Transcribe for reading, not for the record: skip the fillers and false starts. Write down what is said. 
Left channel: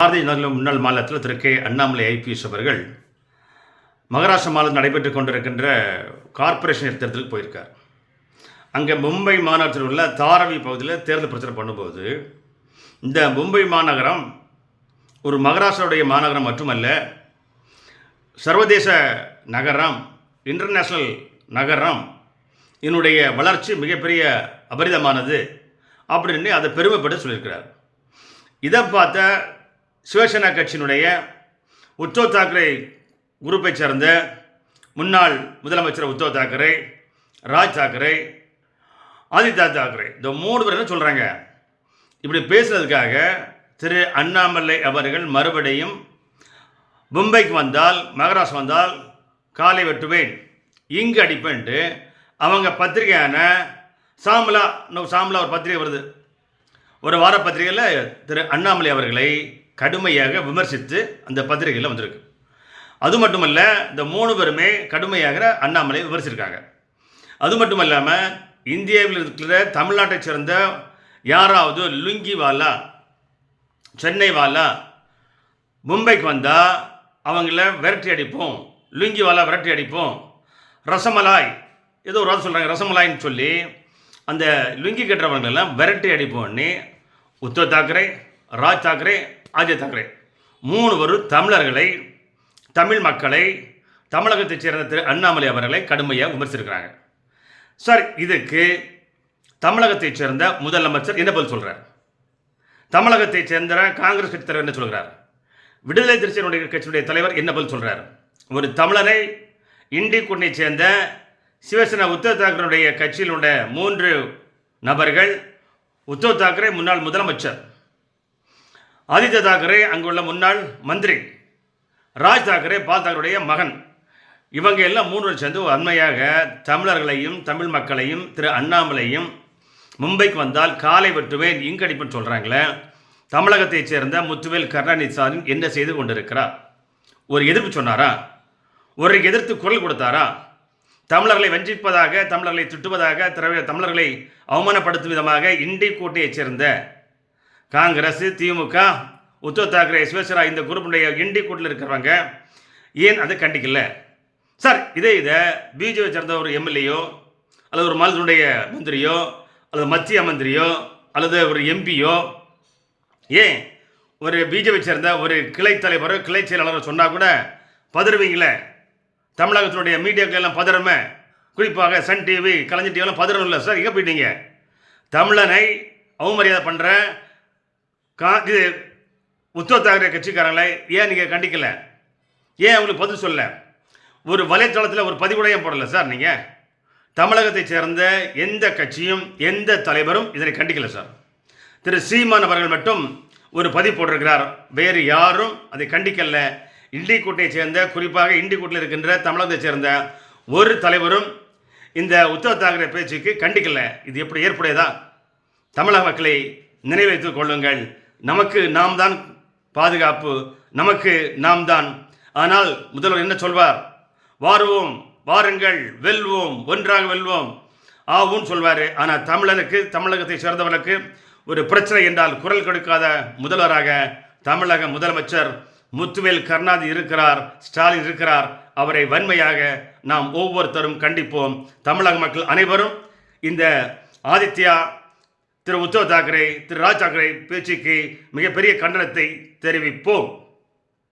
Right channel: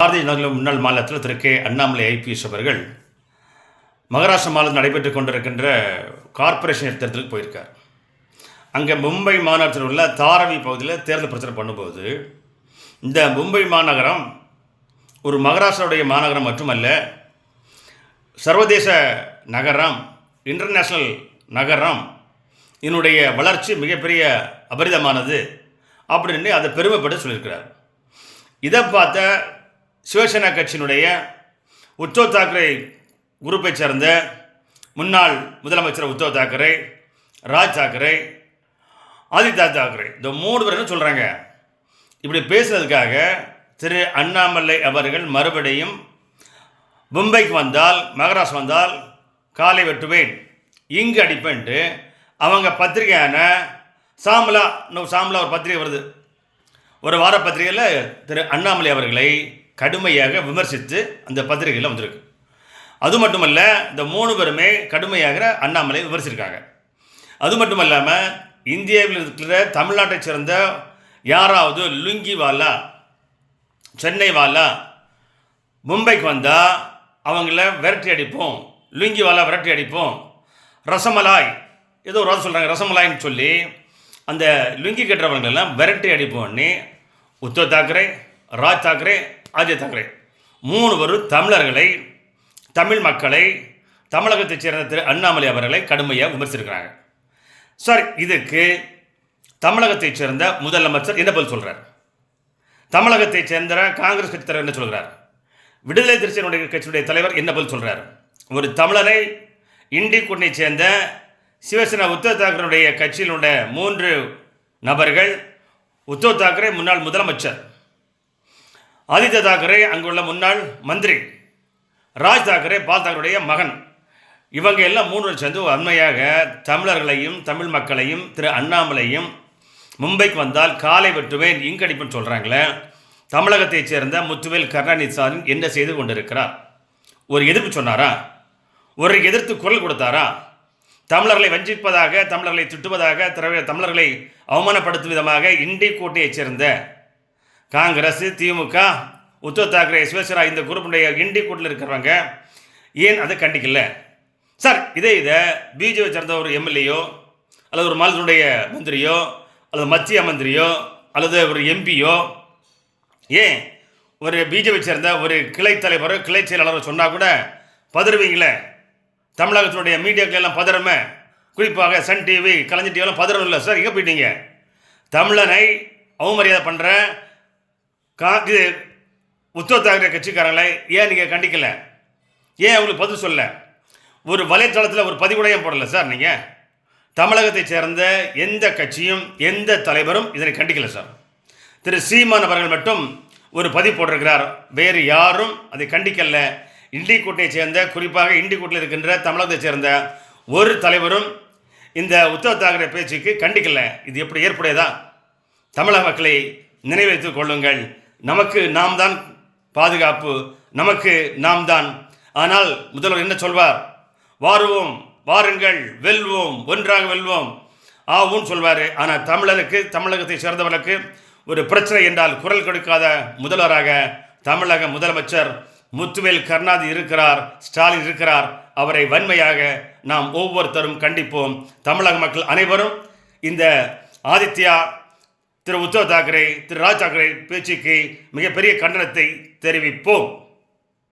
பாரதிய ஜனதா முன்னாள் மாநிலத்தில் திரு K Annamalai IPS அவர்கள் மகாராஷ்டிரா மாநிலத்தில் நடைபெற்று கொண்டிருக்கின்ற கார்ப்பரேஷன் தேர்தலுக்கு போயிருக்கார். அங்கே மும்பை மாநகரத்தில் உள்ள தாராவி பகுதியில் தேர்தல் பிரச்சாரம் பண்ணும்போது இந்த மும்பை மாநகரம் ஒரு மகாராஷ்டிராவுடைய மாநகரம் மட்டுமல்ல, சர்வதேச நகரம், இன்டர்நேஷ்னல் நகரம், இதனுடைய வளர்ச்சி மிகப்பெரிய அபரிதமானது அப்படின்னு அதை பெருமைப்பட்டு சொல்லியிருக்கிறார். இதை பார்த்த சிவசேனா கட்சியினுடைய உத்தவ் தாக்கரே குரூப்பை சேர்ந்த முன்னாள் முதலமைச்சர் உத்தவ் தாக்கரே, ராஜ் தாக்கரே, ஆதித்யா தாக்கரே, இந்த 3 பேர் என்ன சொல்கிறாங்க, இப்படி பேசுகிறதுக்காக திரு அண்ணாமலை அவர்கள் மறுபடியும் மும்பைக்கு வந்தால், மகாராஷ்டிரா வந்தால் காலை வெட்டுவேன், இங்கு அடிப்பேன்ட்டு அவங்க பத்திரிகையான சாமலா ஒரு பத்திரிகை வருது, ஒரு வார பத்திரிகையில் திரு அண்ணாமலை அவர்களை கடுமையாக விமர்சித்து அந்த பத்திரிகையில் வந்திருக்கு. அது மட்டுமல்ல, இந்த 3 பேருமே கடுமையாக அண்ணாமலை விமர்சிச்சிருக்காங்க. அது மட்டும் இல்லாமல் இந்தியாவில் இருக்கிற தமிழ்நாட்டை சேர்ந்த யாராவது லுங்கி வாலா, சென்னை வாலா மும்பைக்கு வந்தால் அவங்கள விரட்டி அடிப்போம், லுங்கி வாலா விரட்டி அடிப்போம், ரசமலாய் ஏதோ ஒரு வார்த்தை சொல்கிறாங்க, ரசமலாயின்னு சொல்லி அந்த லுங்கி கட்டுறவங்களெல்லாம் விரட்டி அடிப்போம்னு உத்தவ் தாக்கரே, ராஜ் தாக்கரே, ஆதித்யா தாக்கரே 3 பேரும் தமிழர்களை, தமிழ் மக்களை, தமிழகத்தைச் சேர்ந்த திரு அண்ணாமலை அவர்களை கடுமையாக விமர்சிச்சிருக்கிறாங்க. சார், இதுக்கு தமிழகத்தைச் சேர்ந்த முதலமைச்சர் என்ன பதில் சொல்கிறார்? தமிழகத்தைச் சேர்ந்த காங்கிரஸ் கட்சி தலைவர் என்ன சொல்கிறார்? விடுதலை சிறுத்தைகளுடைய கட்சியுடைய தலைவர் என்ன பதில் சொல்கிறார்? ஒரு தமிழரை இண்டி கூட்டணியை சேர்ந்த சிவசேனா உத்தவ் தாக்கரேனுடைய கட்சியிலுள்ள 3 நபர்கள், உத்தவ் தாக்கரே முன்னாள் முதலமைச்சர், ஆதித்யா தாக்கரே அங்குள்ள முன்னாள் மந்திரி, ராஜ் தாக்கரே பால் தாக்கரேடைய மகன், இவங்க எல்லாம் 3 பேர் சேர்ந்து உண்மையாக தமிழர்களையும் தமிழ் மக்களையும் திரு அண்ணாமலையும் மும்பைக்கு வந்தால் காலை வெட்டுவேன், இங்கடிப்புன்னு சொல்கிறாங்களே. தமிழகத்தைச் சேர்ந்த முத்துவேல் கருணாநிதி என்ன செய்து கொண்டிருக்கிறார்? ஒரு எதிர்ப்பு சொன்னாரா? ஒரு எதிர்த்து குரல் கொடுத்தாரா? தமிழர்களை வஞ்சிப்பதாக, தமிழர்களை திட்டுவதாக, தமிழர்களை அவமானப்படுத்தும் விதமாக இண்டி கூட்டணியைச் சேர்ந்த காங்கிரஸ், திமுக, உத்தவ் தாக்கரே, சிவசேனா இந்த குரூப்புடைய இண்டி கூட்டில் இருக்கிறவங்க ஏன் அதை கண்டிக்கல? சார், இதை பிஜேபி சேர்ந்த ஒரு எம்எல்ஏயோ அல்லது ஒரு மாநிலத்தினுடைய மந்திரியோ அல்லது மத்திய மந்திரியோ அல்லது ஒரு எம்பியோ, ஏன் ஒரு பிஜேபி சேர்ந்த ஒரு கிளை தலைவரோ கிளை செயலாளரோ சொன்னால் கூட பதறுவீங்களே? தமிழகத்தினுடைய மீடியாக்கள் எல்லாம் பதறமே, குறிப்பாக சன் டிவி, கலைஞர் டிவிலாம் பதறணும் இல்லை சார்? எங்கே போயிட்டீங்க? தமிழனை அவமரியாதை பண்ணுற இது உத்தவ் தாக்கரே கட்சிக்காரங்களை ஏன் நீங்கள் கண்டிக்கலை? ஏன் அவங்களுக்கு பதில் சொல்ல? ஒரு வலைத்தளத்தில் ஒரு பதிவுடையம் போடலை சார்? நீங்கள் தமிழகத்தை சேர்ந்த எந்த கட்சியும் எந்த தலைவரும் இதனை கண்டிக்கலை சார். திரு சீமான் அவர்கள் மட்டும் ஒரு பதிவு போட்டிருக்கிறார், வேறு யாரும் அதை கண்டிக்கல. இண்டி கூட்டணியை சேர்ந்த, குறிப்பாக இண்டி கூட்டணியில் இருக்கின்ற தமிழகத்தை சேர்ந்த ஒரு தலைவரும் இந்த உத்தவ் தாக்கரே பேச்சுக்கு கண்டிக்கல. இது எப்படி ஏற்புடையதா? தமிழக மக்களை நினைவு வைத்துக் கொள்ளுங்கள். நமக்கு நாம் தான் பாதுகாப்பு, நமக்கு நாம் தான். ஆனால் முதல்வர் என்ன சொல்வார்? வாருவோம், வாருங்கள், வெல்வோம், ஒன்றாக வெல்வோம், ஆவும் சொல்வார். ஆனால் தமிழகத்தை சேர்ந்தவர்களுக்கு ஒரு பிரச்சனை என்றால் குரல் கொடுக்காத முதல்வராக தமிழக முதலமைச்சர் முத்துவேல் கருணாநிதி இருக்கிறார், ஸ்டாலின் இருக்கிறார். அவரை வன்மையாக நாம் ஒவ்வொருத்தரும் கண்டிப்போம். தமிழக மக்கள் அனைவரும் இந்த ஆதித்யா, திரு உத்தவ் தாக்கரே, திரு ராஜ் தாக்கரே பேச்சுக்கு மிகப்பெரிய கண்டனத்தை தெரிவிப்போம்.